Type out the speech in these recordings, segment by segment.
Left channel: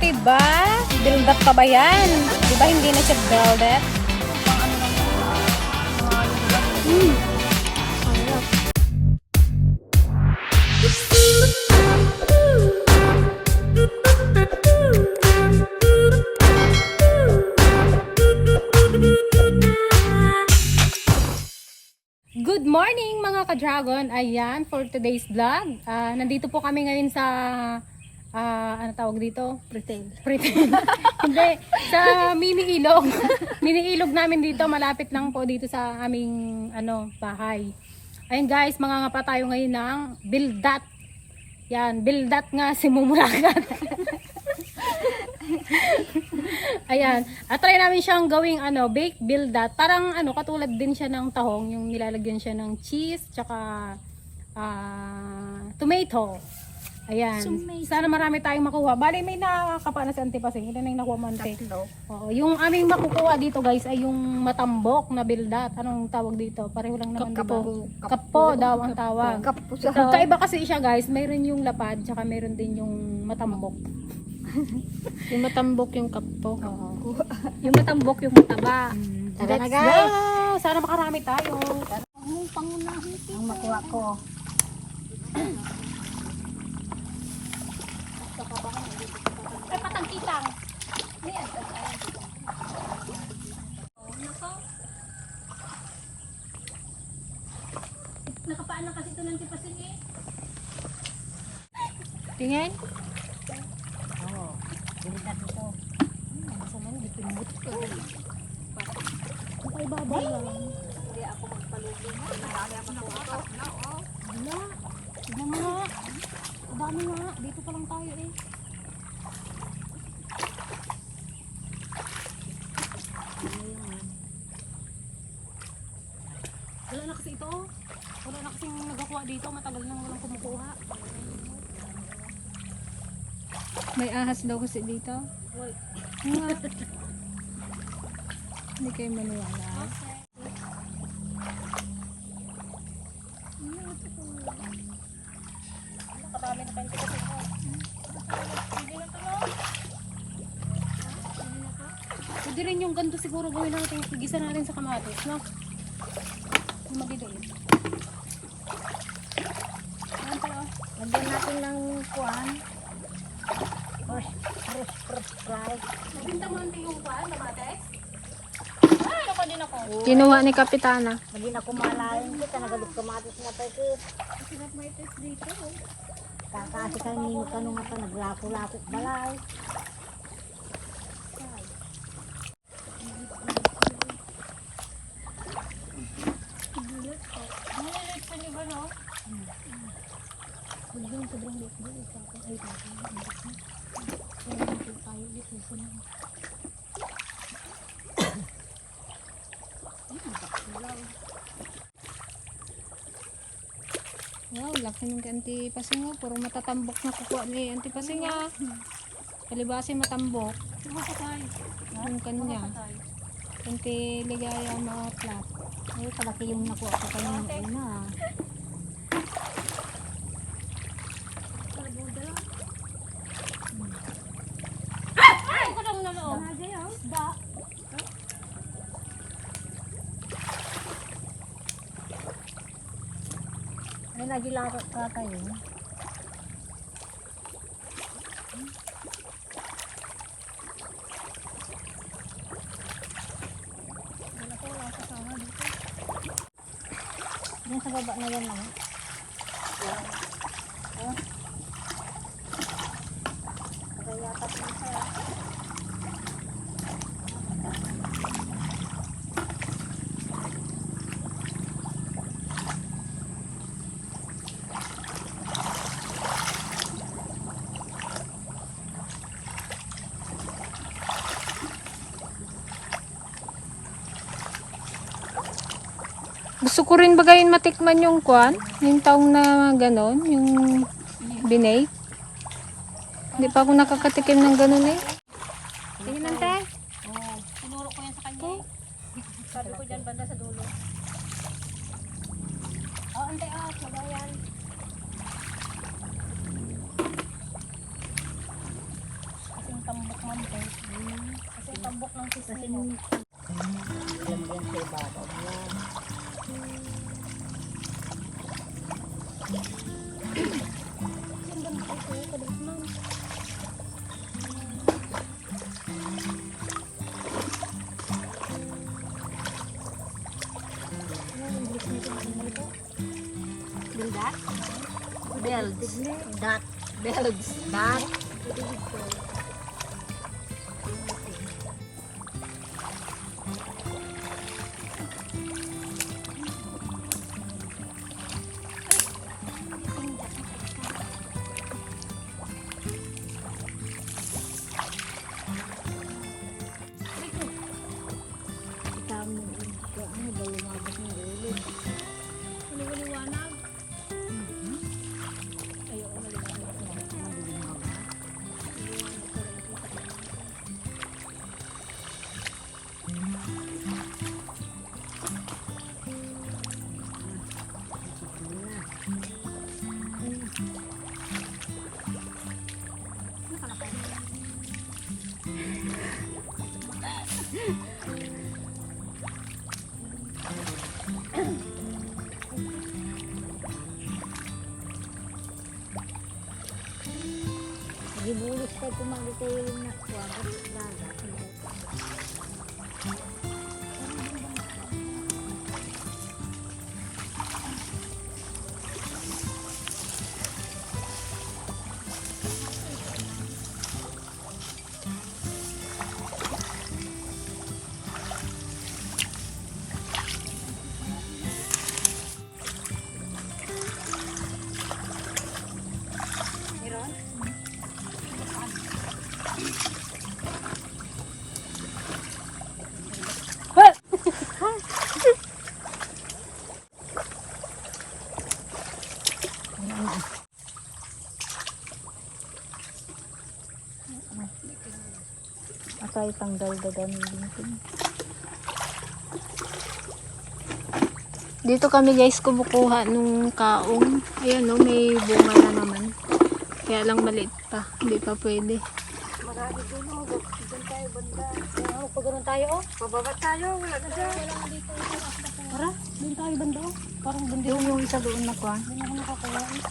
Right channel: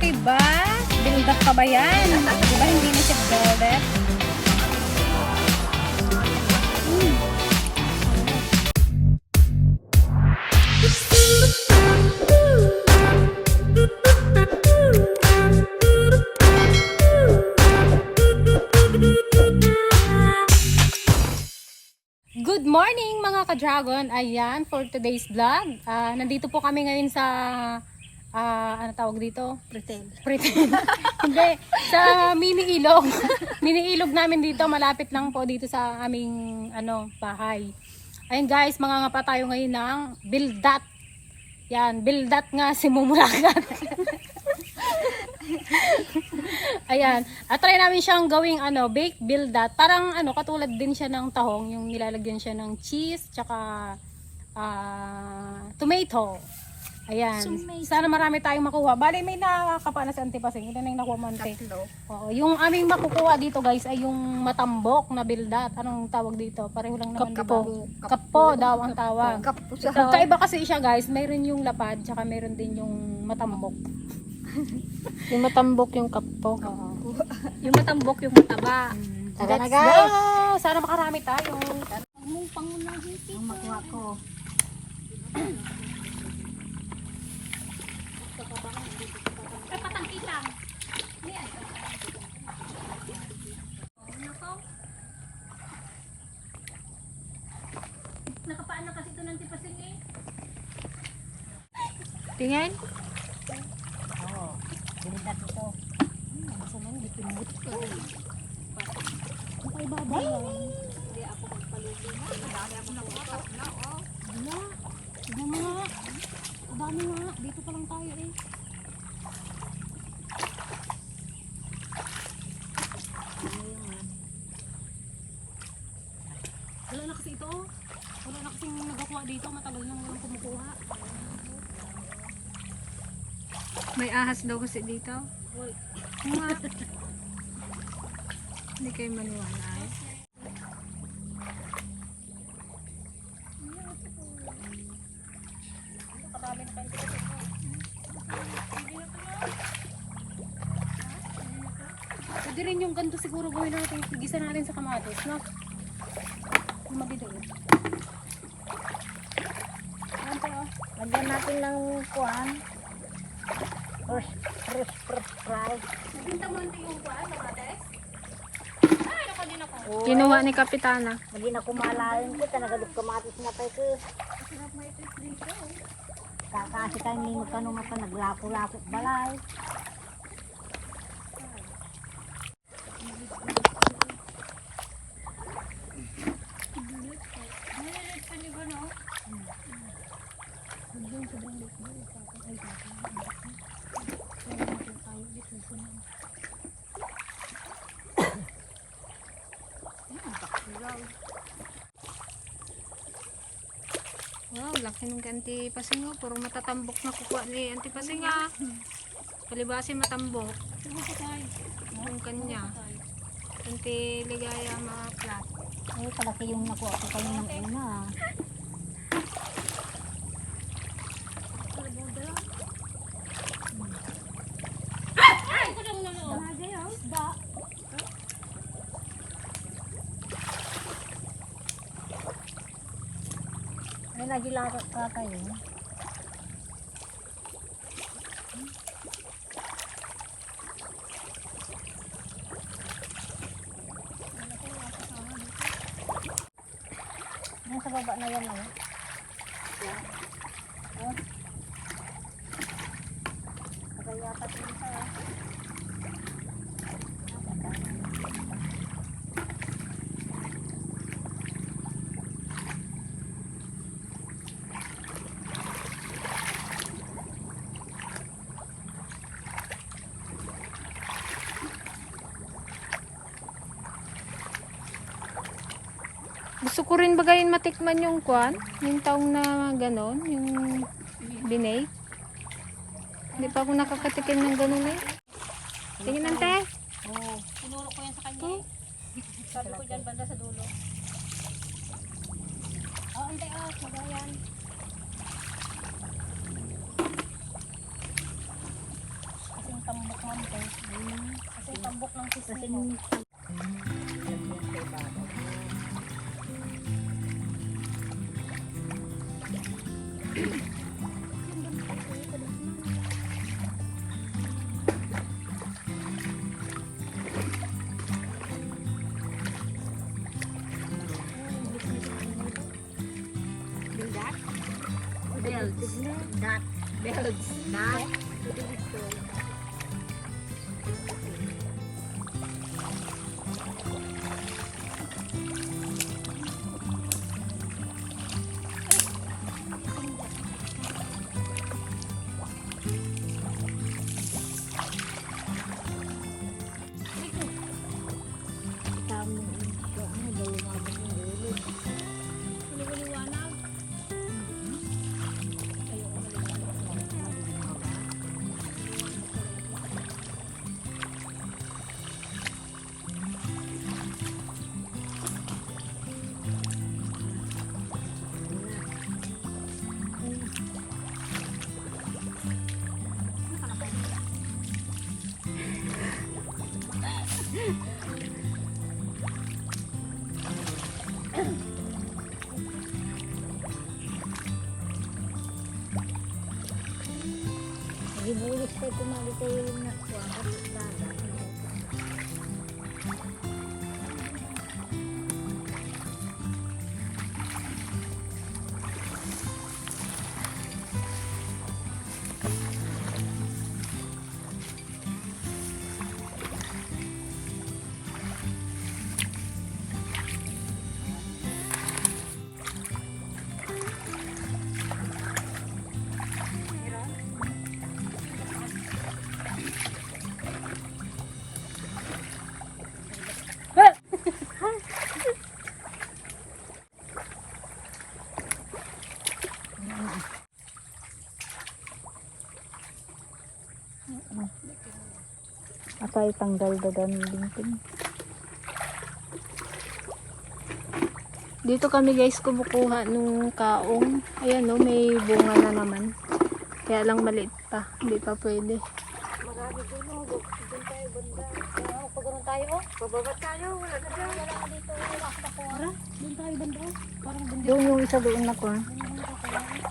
Diba? Build up pa ba yan? Diba hindi na siya velvet? Good morning mga ka-dragon. Ayan, for today's vlog. Nandito po kami ngayon sa ano tawag dito? Pretend. Hindi, sa mini ilog. Mini ilog namin dito, malapit lang po dito sa aming bahay. Ayun guys, mangangapa tayo ngayon ng bildat. Yan, bildat nga si Mumuragat. Ayan, try namin siyang gawing baked bildat. Parang katulad din siya ng tahong, yung nilalagyan siya ng cheese tsaka tomato. Ayan. Sana marami tayong makuha. Bali, may nakakapa na sa antipasing. Ito na yung nakuha mo ante. Oo, yung aming makukuha dito guys ay yung matambok na bildat. Anong tawag dito? Pareho lang naman diba? Kapo daw ang tawag. Kaiba kasi siya guys. Mayroon yung lapad, tsaka mayroon din yung matambok. Yung matambok yung kapo. Oo. Yung matambok yung mataba. Tara na Let's guys! go! Sana makarami tayo. Ang pangunahin Ang makuha ko. Ay, patangkitang. Nakapaan na kasi ito ng tipasing eh. Tingin? Oo. Bildat ito. Masama yung dipimut ko. Ay, babay lang. Hindi ako magpalubi mo. Madali ako nakukap na. Wala. Iba nga. Dami nga. Dito pa lang tayo eh. Wala na kasi ito. Wala na kasing nagakuha dito. Matagal nang walang kumukuha. May ahas daw kasi dito. Nga. Hindi kayo maniwala. Pwede rin yung ganito siguro gawin natin. Higisa natin sa kamatis, no? Yung madidiin. Ayan tayo. Lagyan natin lang kuhan. Fry. Nabinta mo natin yung kuhaan, kamatis? Ay, ako din ako. Kinuha ni Kapitana. Lagi na kumalain ko, talagalog kamatis na pa ito. Masarap may taste dito eh. Kakasi tayo hindi mo tanong ito, naglako-lakok balay. Maliliit pa niyo ba, no? Sobrang liit ba? Ay, tayo dito. Wow, laki ng Antipasingo. Puro matatambok na kukuha ni Antipasinga. Kalibasi matambok. Yung kanya. Antiligaya mga plat. Ay, kalaki yung nakuha ko kayo ng una. Ay, ito lang na loob. Ba? Ay, nagilakot ka kayo. Yan sa baba na yan lang. Yan. Oh. Kaya yata din sa Gusto ko rin bagayin matikman yung kwan, yung taong na ganon, yung binay. Hindi pa ako nakakatikim ng ganon eh. Tingin nante. sa kanya eh. Sabi ko dyan banda sa dulo. Oh, antay ah, magayan. Kasing tambok man po. Kasi tambok ng Kasi sismo. lagyan sa ibabaw. Bells. Dot. Bells. Dot. Tama ito. Ano ba lumabas ng ulo? Ano ba liwanag? Ayoko maliwanag. Nagibulis kayo tumali kayo yung nakwa. Dagat. Ako ay tanggal-dagan din. Dito kami guys kumukuha nung kaong. Ayan no, may bunga na naman. Kaya lang maliit pa. Hindi pa pwede. Marami din mo. Doon tayo banda. Pagano'n tayo oh. Pababa tayo. Wala nga dito. Para? Doon tayo banda oh. Parang banda. Yung isa doon na ko ha. Doon ako nakakuha eh.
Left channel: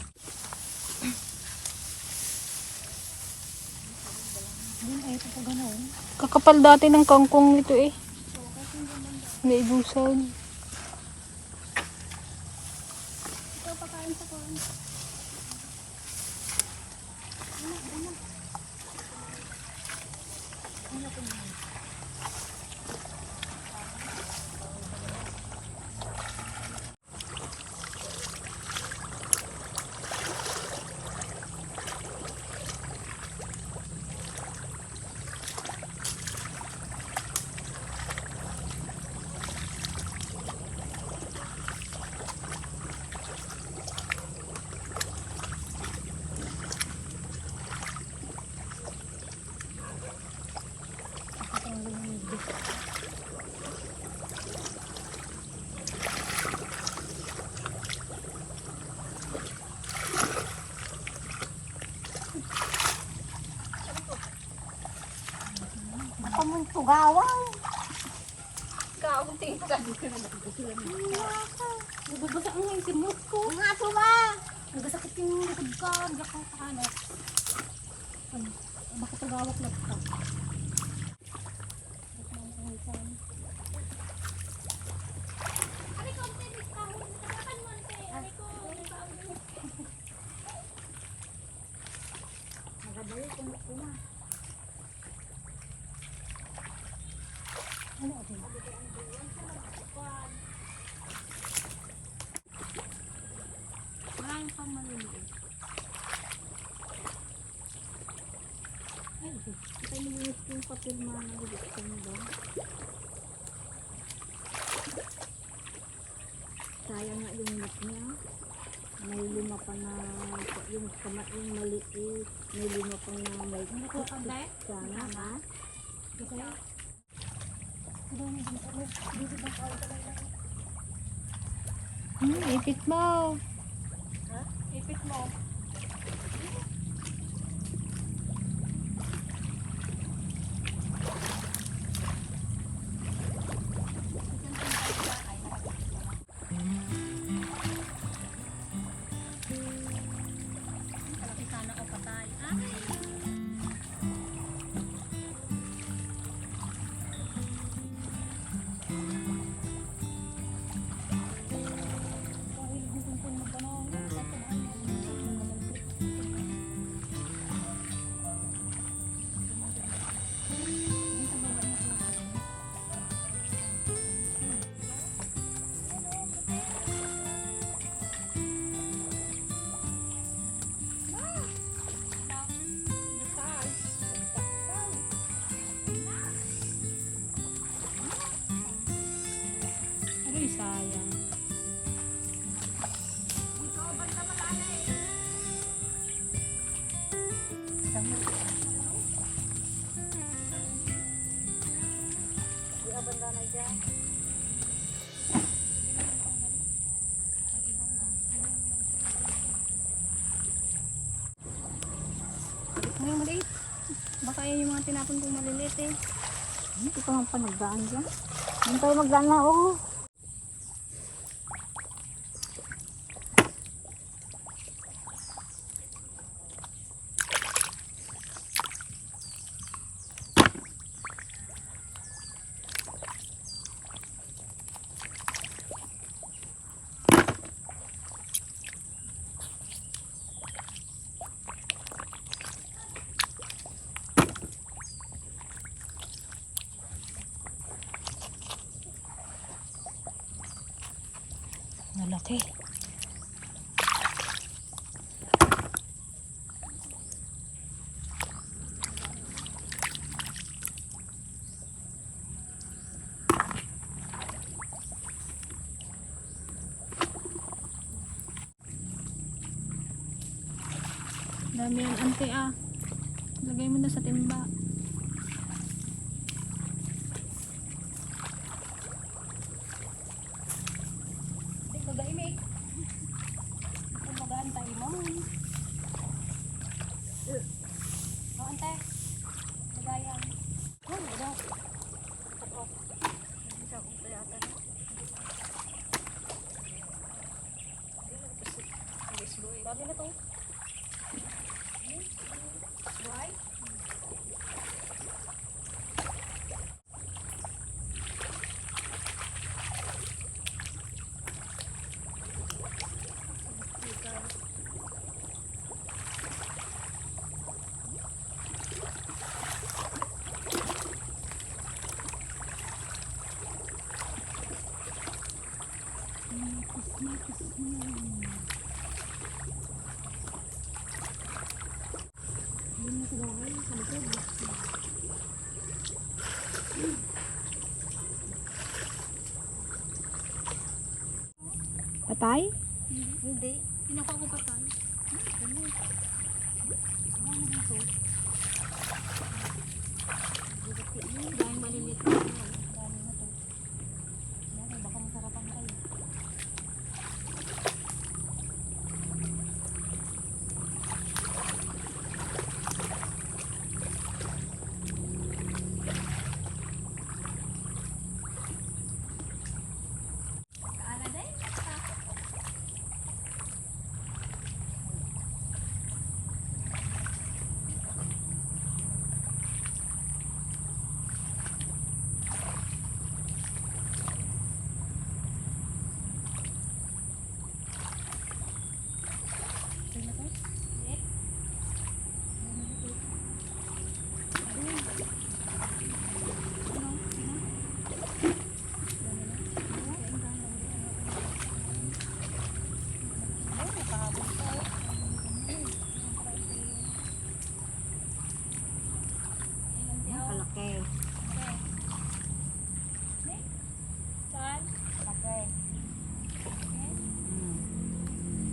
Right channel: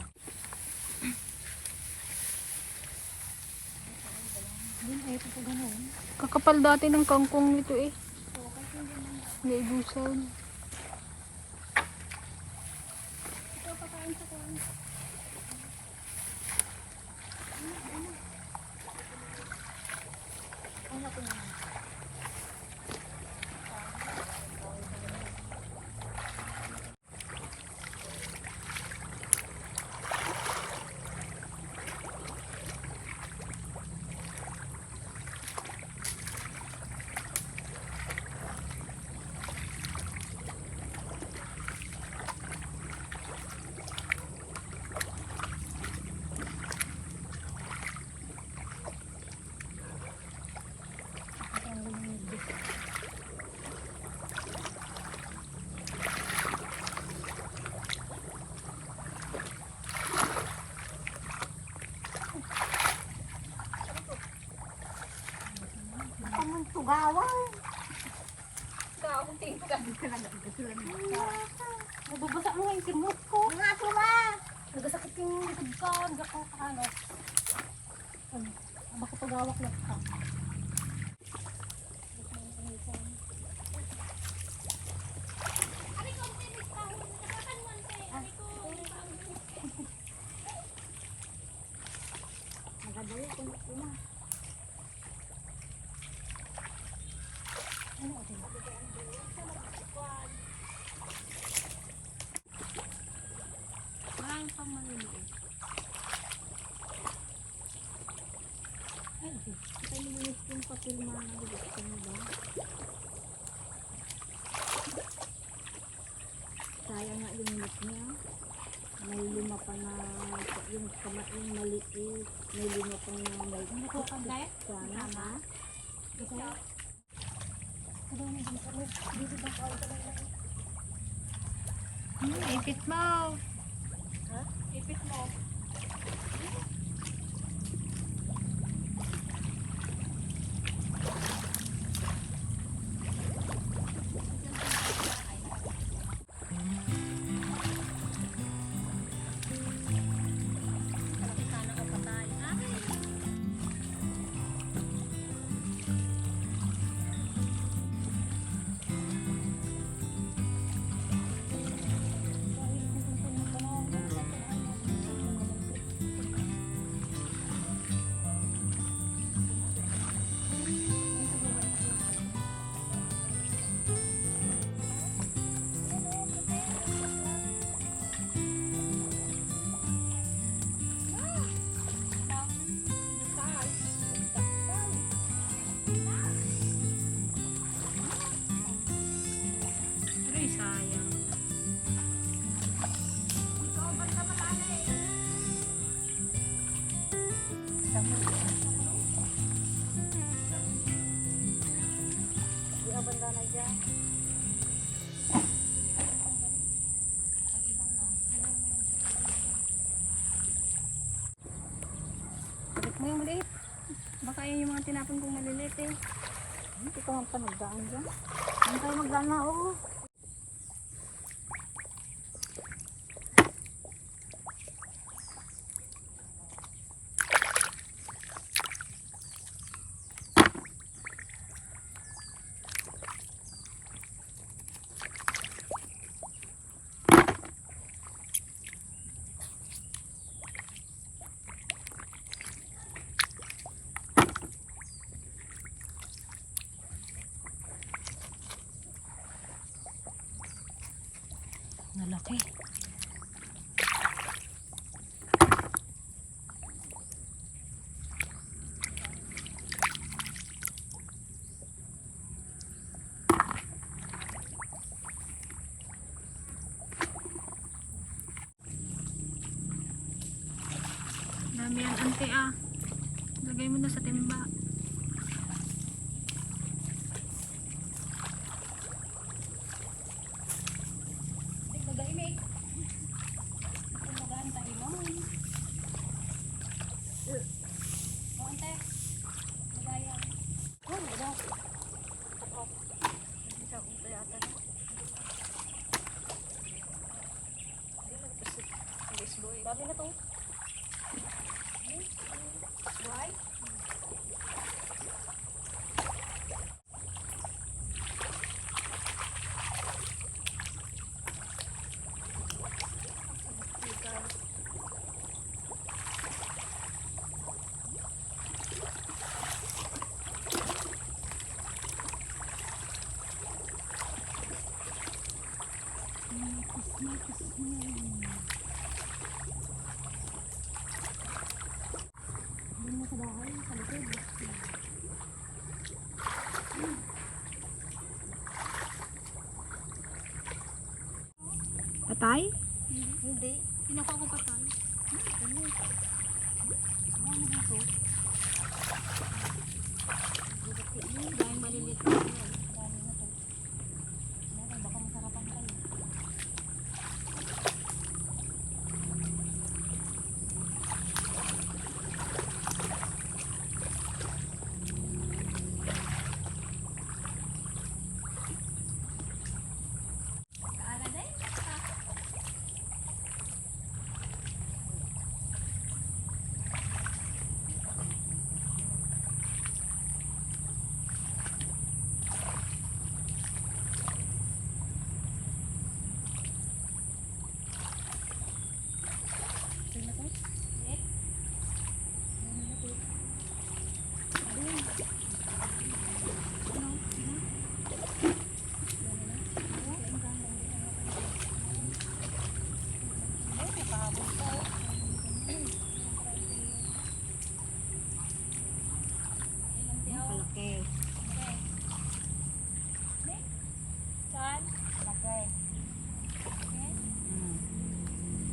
Doon tayo pa gano'n. Kakapal dati ng kangkong nito eh. May igusad. Ito pakain sa kuwan. Ako mong pugawang. Nababasa ang yung simot ko. Nga po ba? Nagasakit yung likod ka. Gako ano. Ano? Baka pagawak na ka. Marami pang maliliit. Kaya nilinis yung papel mga nagulitkan ba? Sayang nga yung mat niya. May lima pa na yung maliit. May lima pa na may sana ha? Ipit mo. Ipit mo. Aray, sayang. Di ka banda na dyan. Balik mo yung maliit. Baka yun yung mga tinapon kong maliliit eh. Hindi ko nang panagdaan dyan. Hindi tayo magdaan na, oo. Nalaki. Dami yan, ante ah. Lagay mo na sa timba. Dami na to. Patay? Hindi. Pinukuha ko patay. Dahil maliliit. Dami na to. Baka masarapan kayo. Kalaki. Saan? Kalaki.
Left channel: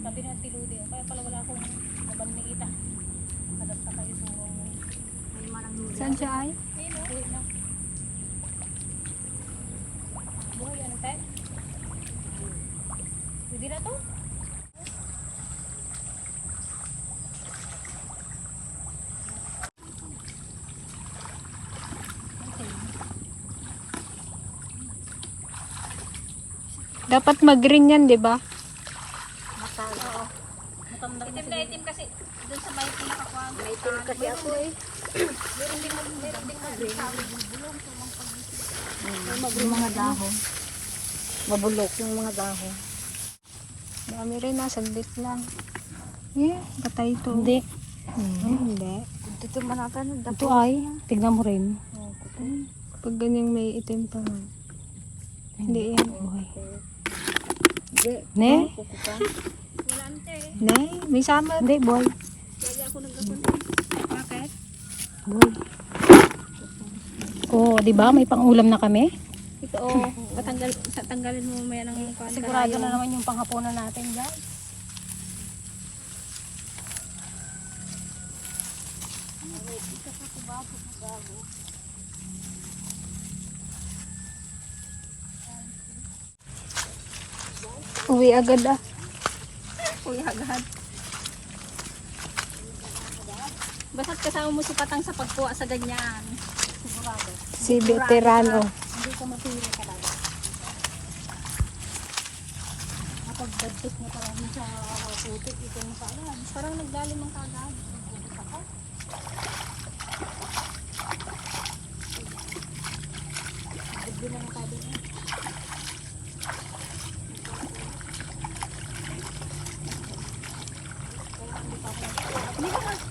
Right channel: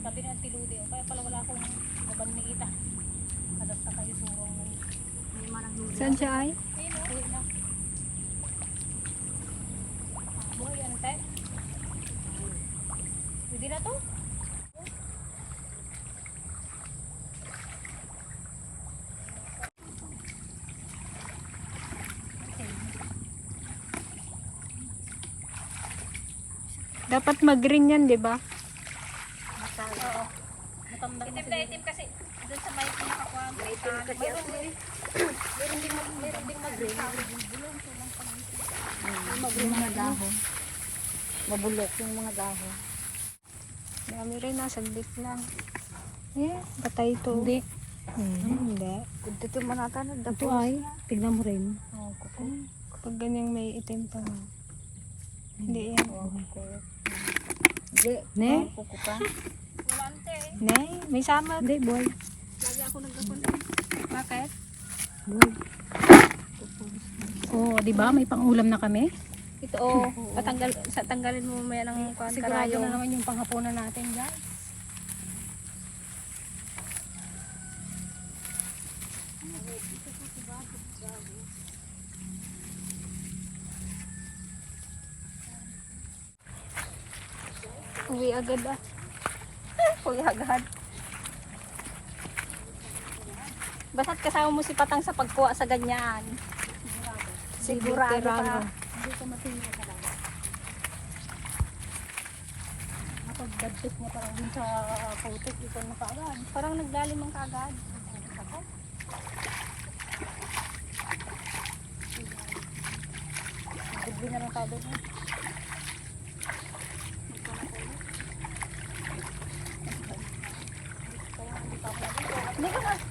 Sabi ng tiludi. Kaya pala wala akong naban ni Ita. Adat sa kayo suwang. May manang huli. Saan siya ay? Ayun o. Uwi na. Dapat mag-green yan, di ba? Matanda na sila. Itim kasi doon sa may pinakakuha. Itim kasi ako eh. Meron din mag-green. Yung mga dahon. Mabulok yung mga dahon. Dami rin na, saglit lang. Eh, patay to. Hindi. Hindi. Dito manakan. Ito ay, tignan mo rin. Pag ganyang may itim pa nga. Hindi yan. Ne? Ne, may sama. Hindi, boy. Bakit? Boy. Oh, di ba? May pang-ulam na kami. Ito tanggalin mo maya ng Sigurado na naman yung panghapunan natin, guys. Uwi agad ah. Uy, agad. Basta't kasama mo si Patang sa pagkuha sa ganyan. Sigurado. Si veterano. Hindi ka matira talaga. Kapag-dadpit mo parang sa putik, ito mo sa ayan. Parang naglalim ang kagad. Ako. Digdi na lang kagad.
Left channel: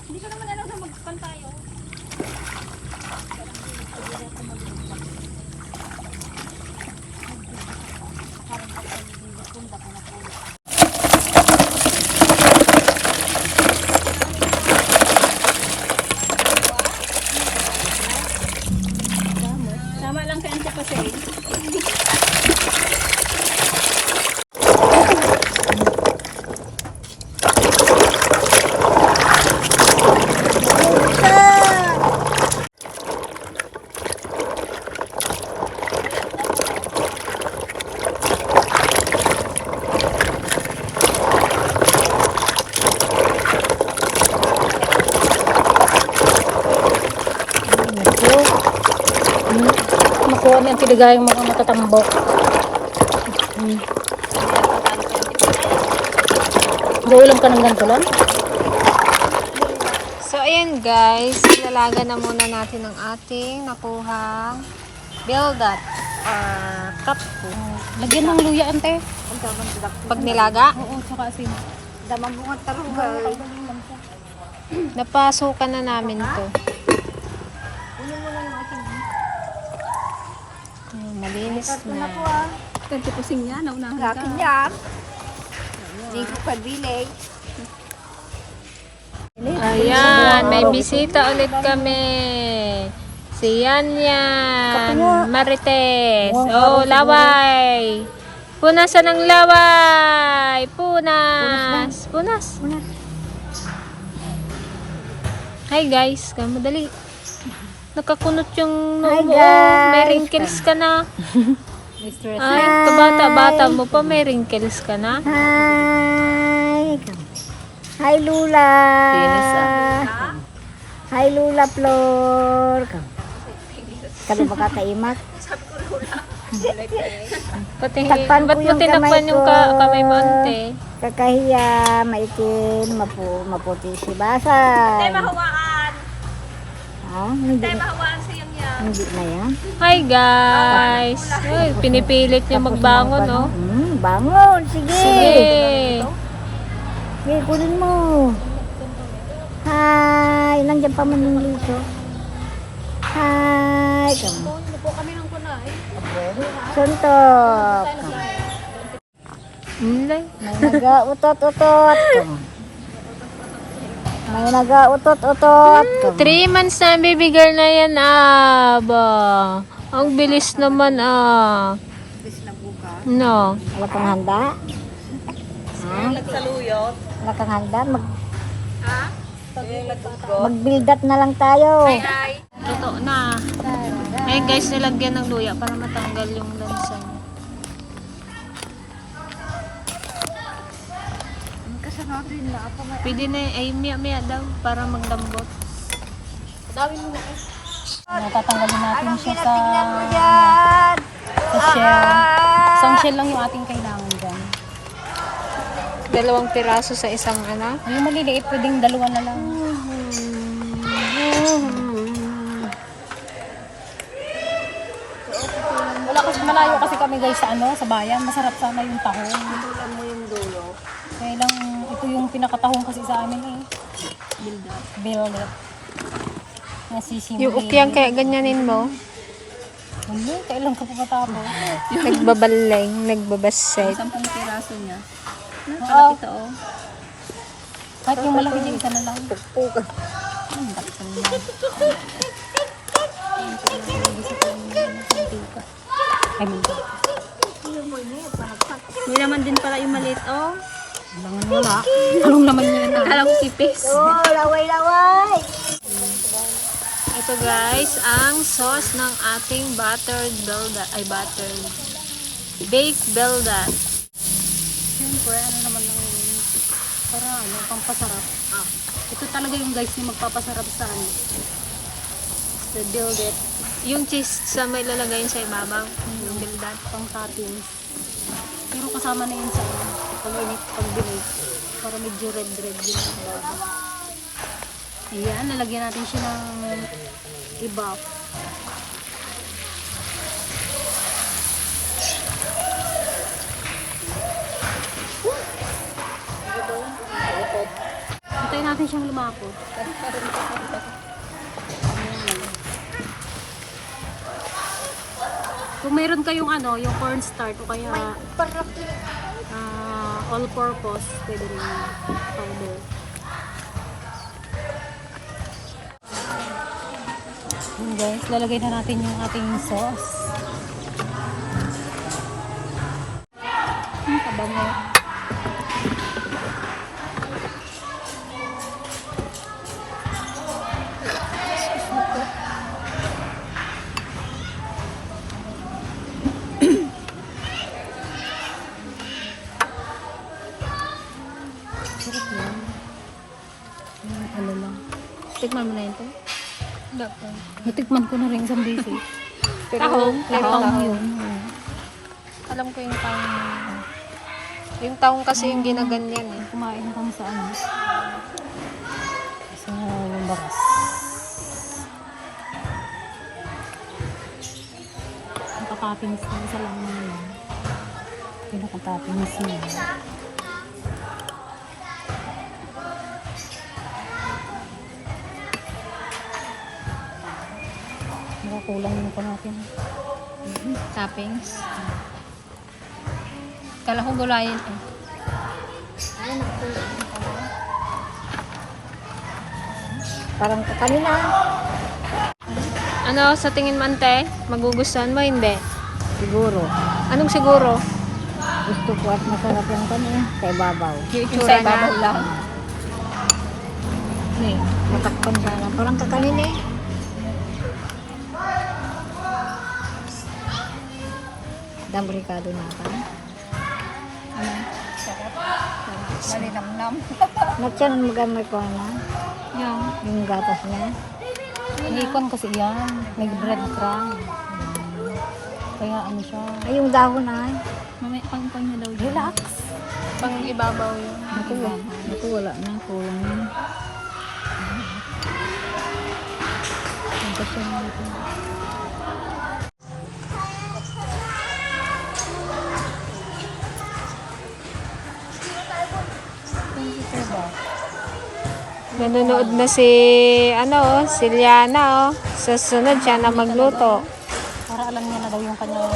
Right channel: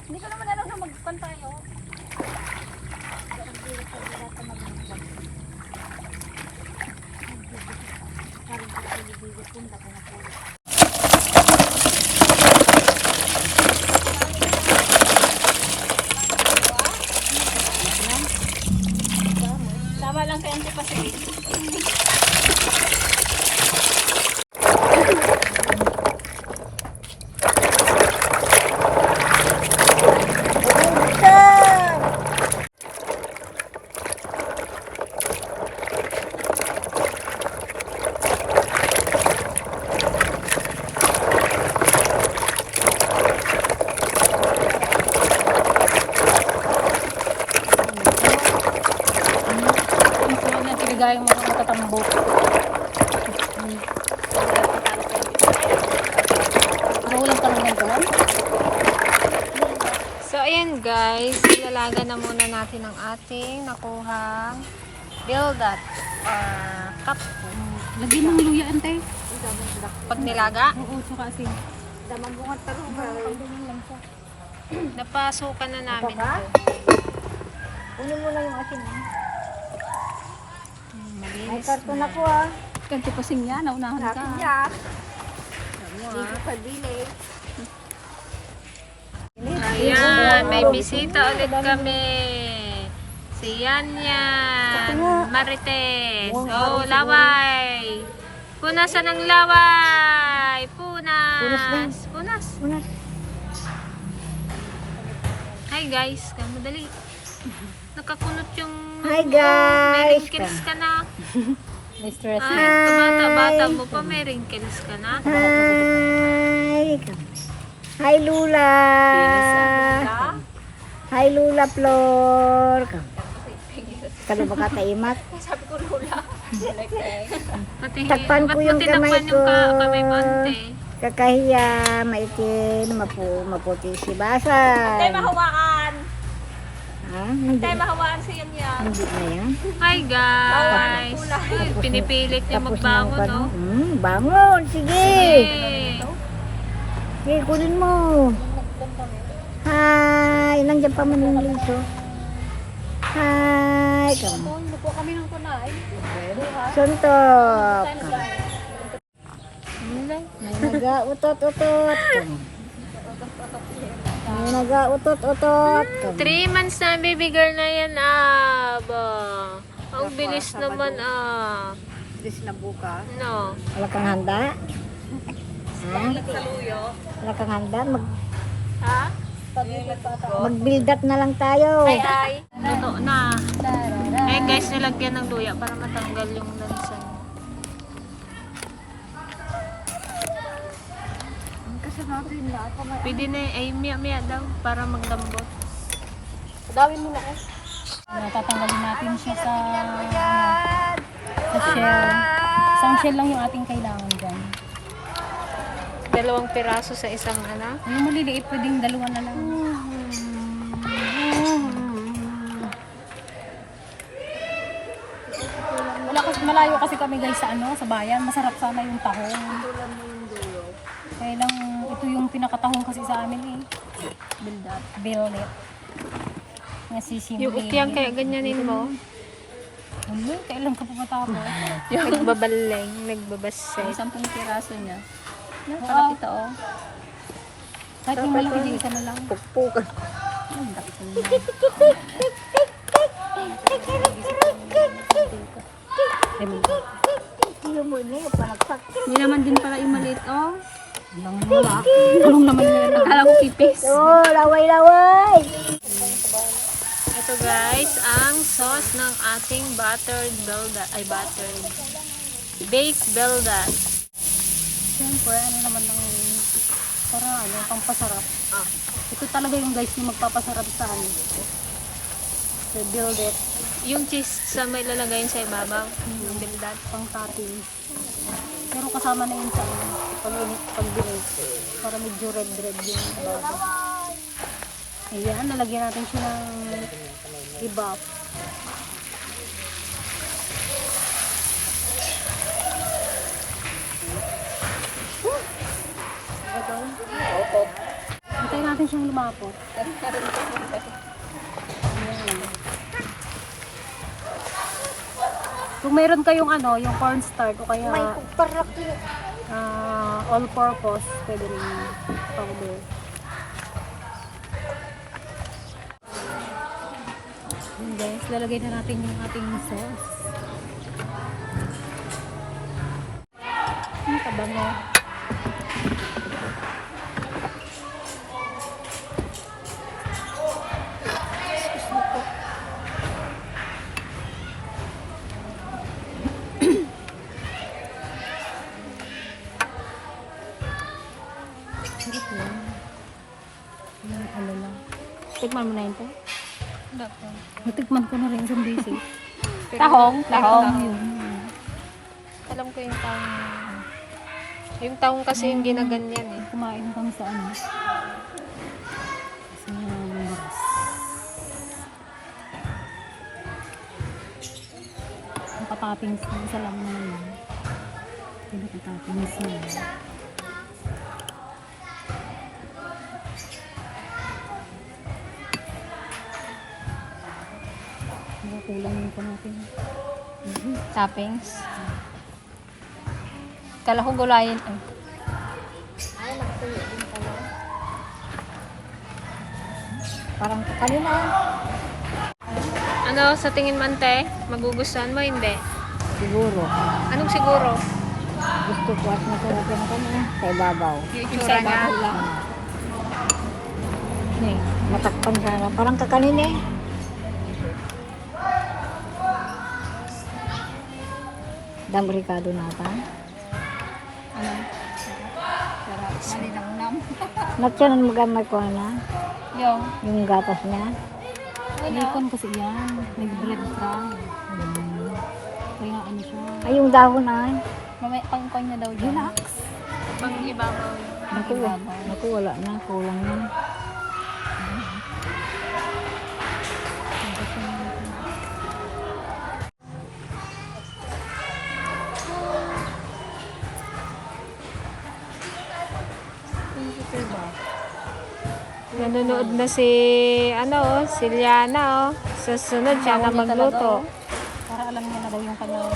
Hindi ka naman alam na magpan tayo. Parang pagkaligigit punta ka na po. Tama lang kay Ante kasi. Makuha na yung piligayang mga natatambok. Buulam ka ng ganito lang. So, ayan guys. Ilalaga na muna natin ang ating nakuhang bildat or cup. Lagyan ng luya, ante. Pag nilaga, Oo, tsaka asin. Damang bunga tarugay. napasukan na namin to. Malinis na. Kaya pasing niya, naunahan ka. Akin niya. Hindi ko pabili. Ayan, may bisita ulit kami. Si Yan Marites. Oh, laway. Punasan ng laway. Punas. Punas. Hi guys, madali. Nakakunot yung noo mo. May wrinkles ka na. May stress. Ay, kabata-bata mo pa, may wrinkles ka na. Hi! Hi, Lula! Hi, Lula Flor! Kalo ba kakaimat? Pati, Takpan ko ba't mo yung tinakpan kamay yung ko. kamay mo, ante? Kakahiya, maitim, maputi si Basan. Mahawaan. Ha? Hindi, Mahawaan siya niya. hindi na yan. Hi guys! Ay, pinipilit niya Tapos magbangon, na no? bangon! Sige! Sige! Sige, kunin mo. Hi! Nandiyan pa man yung liso. Hi! Come. Suntok! Come. Hindi. May nag-utot-utot. Come. May nag-utot-utot. Come. 3 months na baby girl na yan, ba? Ang bilis naman, Bis na bukas. No. Wala kang handa? Ha? Wala kang handa? Mag-build-up na lang tayo. Luto na. Ayun guys, nilagyan ng luya para matanggal yung lansa niya. Kasanatin na ako may Pwede na, ay miya daw para maglambot. dawin mo na eh. Tatanggalin natin siya sa shell. Sa Isang shell lang yung ating kailangan dyan. 2 piraso sa isang ano. Yung maliliit, pwedeng 2 na lang. Malayo kasi kami guys sa ano, sa bayan. Masarap sana yung tahong. Kaya lang, ito yung pinakatahong kasi sa amin eh. Build up. Nasisimili. Yung ukyang kaya ganyanin mo. Ano? Kailan ka pa matapos? Nagbabalay, nagbabasay. 10 piraso niya. No, Oo. kalapit oh. Kahit yung malaki dyan, isa na lang. Ang daksan na. Ay, man. May naman din pala yung maliit oh. Kailangan wala. Anong naman yan? Akala ko kipis. Ito guys, ang sauce ng ating buttered baked beldat. Siyempre, ano naman ng para ano, pampasarap. Ito talaga yung guys yung magpapasarap sa ano. So, build it. Yung cheese sa may lalagayin sa ibabaw ng beldat. Pang topping. Pero kasama na yun sa ano, pag binake. Para medyo red yung baba. Ayan, lalagyan natin siya ng i-buff. Hintayin natin siyang lumapot. Ayan. Kung meron kayong ano, yung cornstarch o kaya all-purpose, pwede rin yung powder. Yun guys, lalagay na natin yung ating sauce. Ano ba mo? Sarap yan. Yung ano lang. Tikman mo na yun to. Natikman ko na rin isang beses. Tahong? Tahong yun. Alam ko yung tahong. Yung tahong kasi yung ginaganyan eh. Kumain kami sa ano. Sa bakas. Nakatapinis na isa lang naman. Pinakatapinis niya. Kulang yung ko natin. Toppings. Kala ko gulayan eh. Parang kanina. Ano, sa tingin mo ante? Magugustuhan mo, hindi? Siguro. Anong siguro? Gusto ko at masarap yung kanina sa ibabaw. Yung itsura niya. Natakpan siya. Parang kakanina eh. Dambrikado natin. Malinamnam. Matyan magamay ko na. Yung gatas niya. Nikon kasi yan. May breadcrumb. Kaya ano siya. Ay, yung dahon na eh. Mamaya pang niya daw dyan. Relax. Pang ibabaw yun. Ito wala na. Kulang na. Nanonood na si, si Liana, oh. Sa sunod siya na magluto. Para alam niya na daw yung kanyang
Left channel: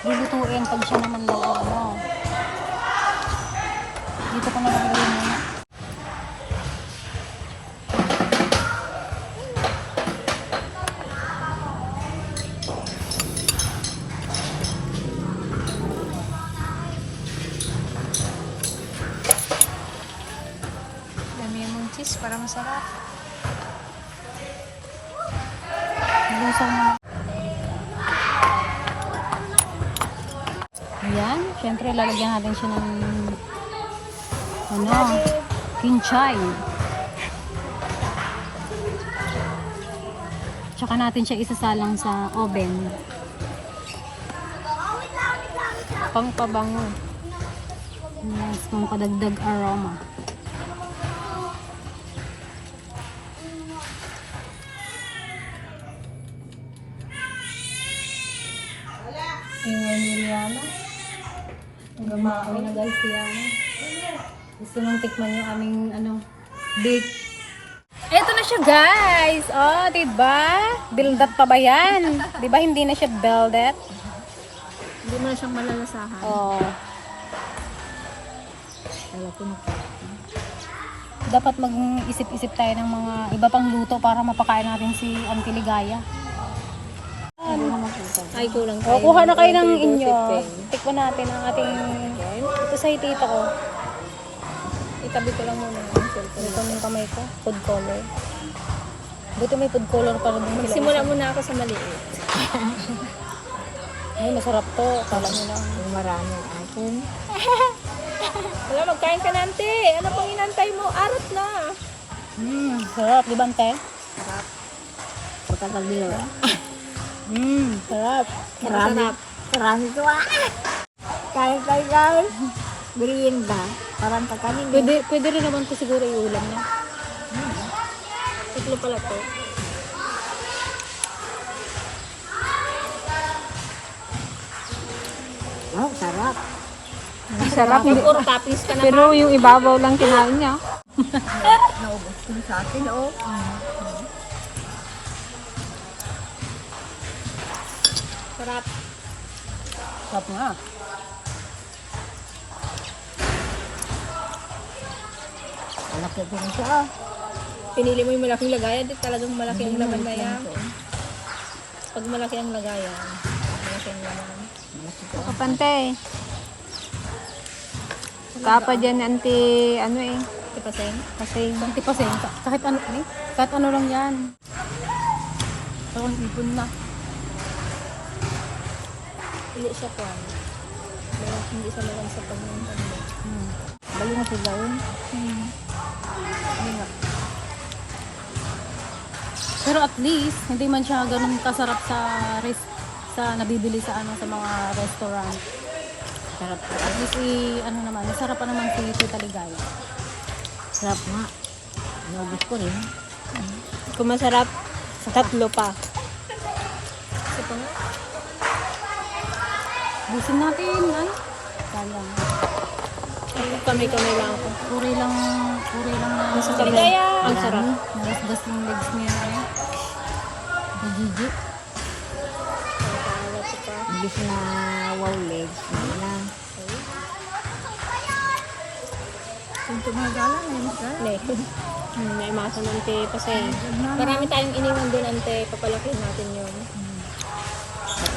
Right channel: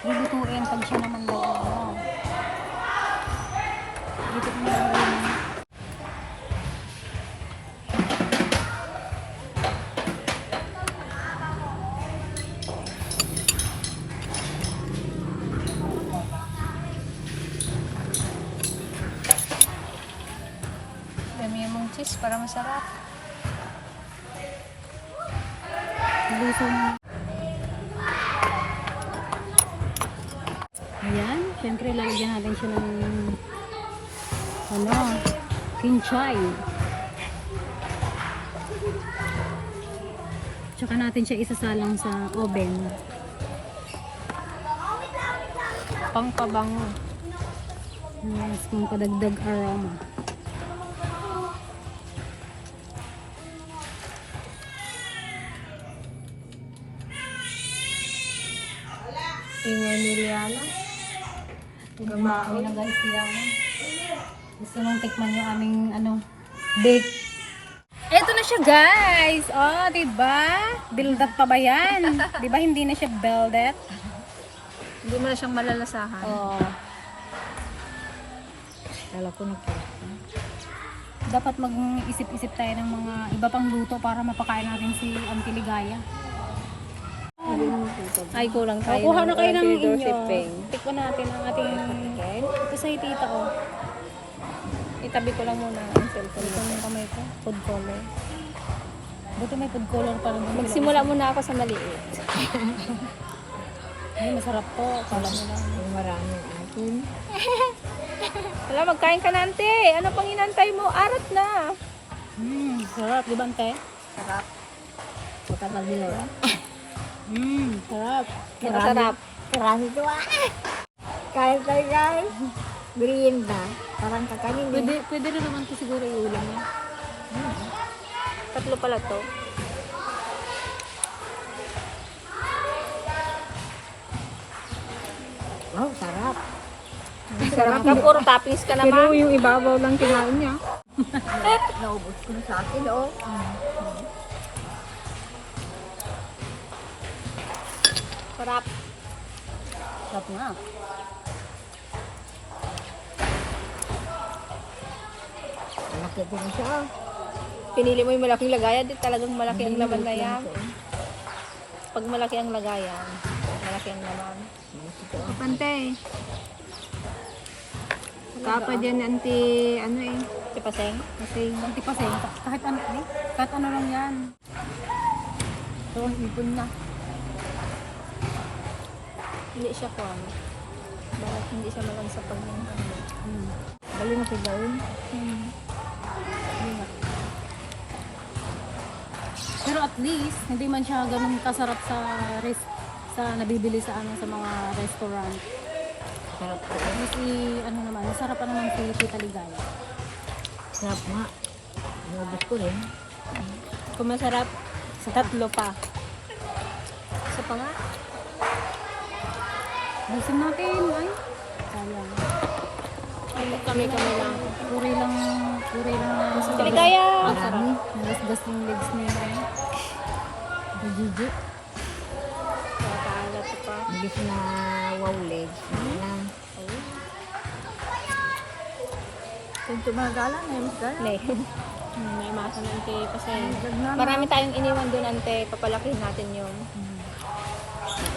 lulutuin pag siya naman daw ano. Dito ko na lang yun. Dami mong cheese para masarap. Lulusang na. Ayan, syempre lalagyan natin siya ng kinchay. Tsaka natin siya isasalang sa oven. Pang pabango. Yes, pang padagdag aroma. Ingay ni Liana. Gumao na guys yan. Gusto mong tikman yung aming bake. Eto na siya guys. Oh, diba? Build-up pa ba yan? Diba hindi na siya build-up? Hindi mo na siyang malalasahan. Oh. Kala ko na. Dapat mag-isip-isip tayo ng mga iba pang luto para mapakain natin si Auntie Ligaya. Hindi na makita. Ay, kulang O, kuha na kayo ng inyo. Tikman natin ang ating... Ito sa tita ko. Itabi ko lang muna ang cellphone. Ito yung kamay ko. Food color. Buti may food color pa rin. Magsimula muna ako sa maliit. Ay, masarap to. Kala mo lang. Yung marami ang akin. Wala, magkain ka na, ante. Ano pang inantay mo? Arat na. Sarap. Di ba, ante? Sarap. Pagkatagila. Sarap. Sarap. Marami to ah. Kain tayo guys. Merienda. Parang kakanin. Pwede rin naman ko siguro iulam na. Tatlo pala to. Wow, sarap. Sarap ka, puro toppings ka naman. Pero yung ibabaw lang kinain niya. Naubos ko na sa akin, oh. Sarap. Sarap nga. Malaki din siya, oh. Pinili mo yung malaking lagayan, di talagang malaki ang laman na yan. Pag malaki ang lagayan, malaki ang laman. Malaki to, oh. Kapante. Kapa dyan, anti, ano eh. Tipaseng? Paseng. Hindi pa senta. Kahit ano lang yan. Parang ibon na. Hindi siya po. Hindi siya nalang sa pagmamahal. Bali na sila yun. Pero at least, hindi man siya ganun kasarap sa nabibili sa sa mga restaurant. Sarap to. At least naman, masarap pa naman si Tita Ligaya. Sarap nga. Naubos ko rin. Kung masarap, sa tatlo pa. Isa pa nga. Busin natin, ay. Sayang. Kamay-kamay lang. Puri lang na. Ligaya! Ang sarap. Nalasgas yung legs niya na eh. Gigi. Imbis na wow legs. Hindi na. Kung tumagala na yun, May masa ng ante paseng. Marami tayong iniwan doon, ante. Papalakin natin yun.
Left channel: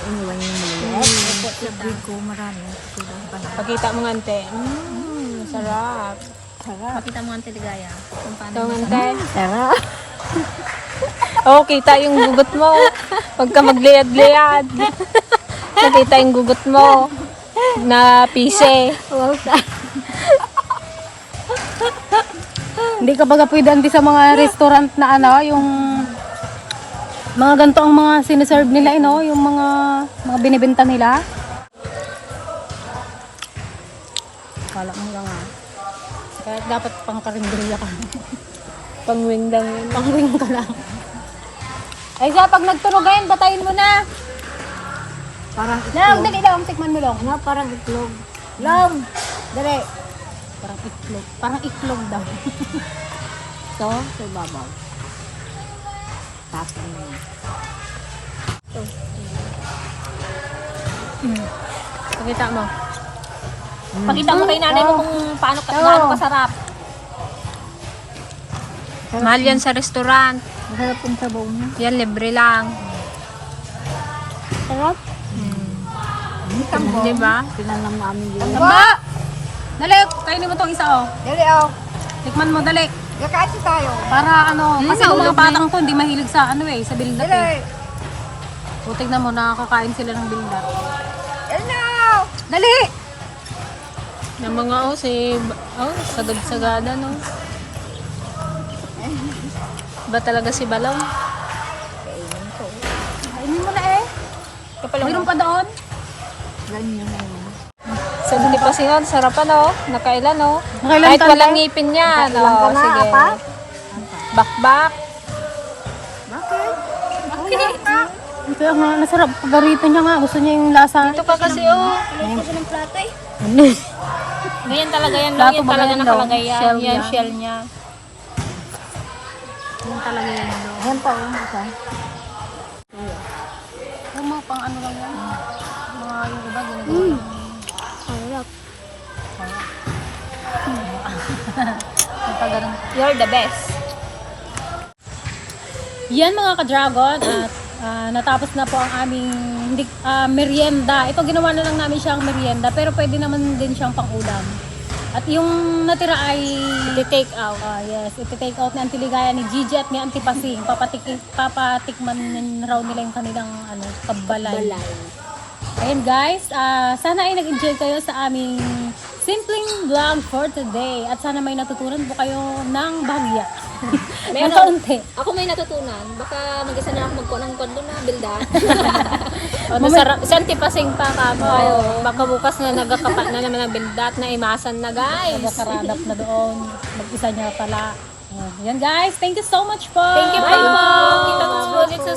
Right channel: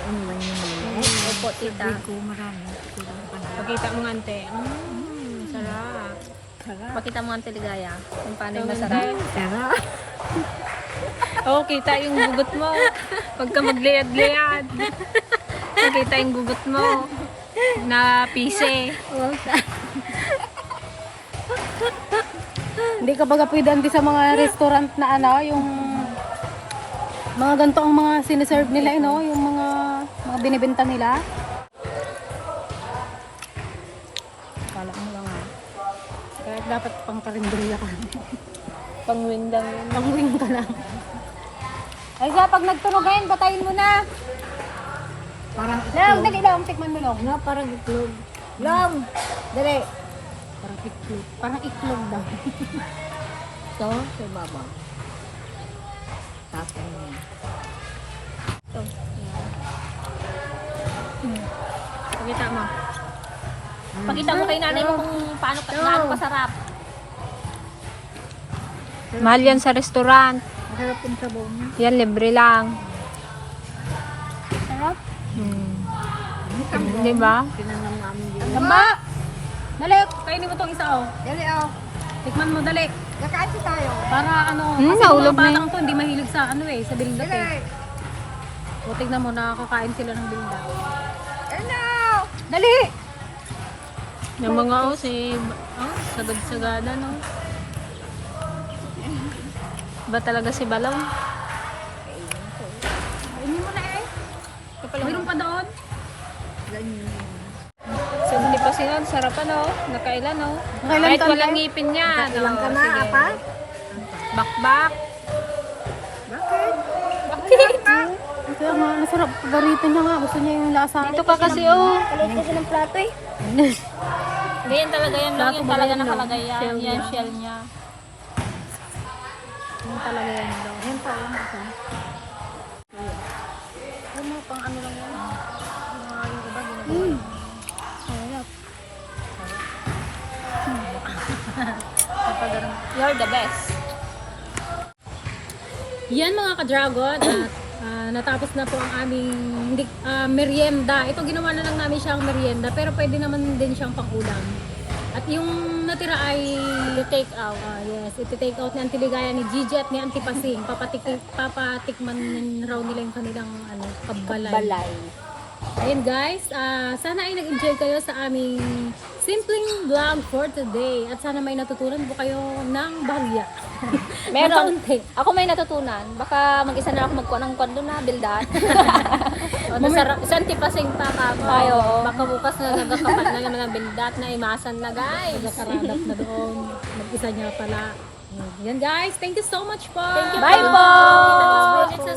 iniwan yung maliit. Sabi ko marami. Siguro pa na. Pakita mo nga, ante. Masarap. Sarap. Pakita mo nga, ante, Ligaya. Kung paano yung masarap. Sarap. Oo, kita yung gugot mo. Pagka magliyad-liyad. Nakita yung gugot mo. Na pise. Hindi ka baga pwede anti sa mga restaurant na yung mga ganito ang mga siniserve nila, yung mga binibenta nila. Wala mo lang. Kaya dapat pang karinderya ka. Pangwing lang yun. Pangwing ka na. Ay siya, pag nagtunog ayun, batayin mo na. Parang Lang, itlog. dali lang, tikman mo lang. Ano? Parang itlog. Long! Dali. Parang itlog. Parang itlog daw. So, sa ibabaw. Tapos mo. Pakita mo. Pakita mo kay nanay mo kung paano kasarap. Mahal yan sa restaurant. Masarap yung sabaw niya. Yan, libre lang. Sarap. Di ba? Pinanang namin yun. Tamba! Dali, kainin mo tong isa Dali, oh. Tikman mo, dali. Kakain tayo. Para kasi yung mga batang to, hindi mahilig sa sa bildat eh. Dali. O, tignan mo, nakakakain sila ng bildat. Dali! Ng mga sagad-sagada, no? Ba talaga si Balong? Kainin mo na eh. Mayroon pa doon. Sa Auntie Pasing, oh, sarapan oh. Nakailan oh. Nakailan Kahit taon walang na? ngipin yan. Ilan ka Oh, na? sige. Apat? Bakbak. Ito nga, nasarap. Garito niya nga. Gusto niya yung lasa. Dito ka kasi oh. Ganyan talaga yan, Plato yan ba talaga ganyan, nakalagay yan. Shell Yan, niya. shell niya. Yan talaga yan. Yan pa, isa. Yung mga pang ano lang yan. Mga yung iba ginagawa lang. Sarap. Pagka ganun. You're the best. Yan mga ka-dragon at natapos na po ang aming merienda. Ito ginawa na lang namin siyang merienda pero pwede naman din siyang pang-ulam. At yung natira ay I-take out. yes, ito-take out ni Auntie Ligaya, ni Gigi at ni Auntie Pasing. Papatikman raw nila yung kanilang kabalay. Ayun guys, sana ay nag-enjoy kayo sa aming simpleng vlog for today. At sana may natutunan po kayo ng bahagya. Ng kaunti. Ako may natutunan. Baka mag-isa na ako magkuha ng kondo na bildan. Si Auntie Pasing pa ka. Ayo. Baka bukas na nagkakapa na naman ng bindat na imasan na guys. Nagkakaradap na doon. Mag-isa niya pala. Yan guys, thank you so much po. Thank you Bye po. po. Kita-kits po ulit sa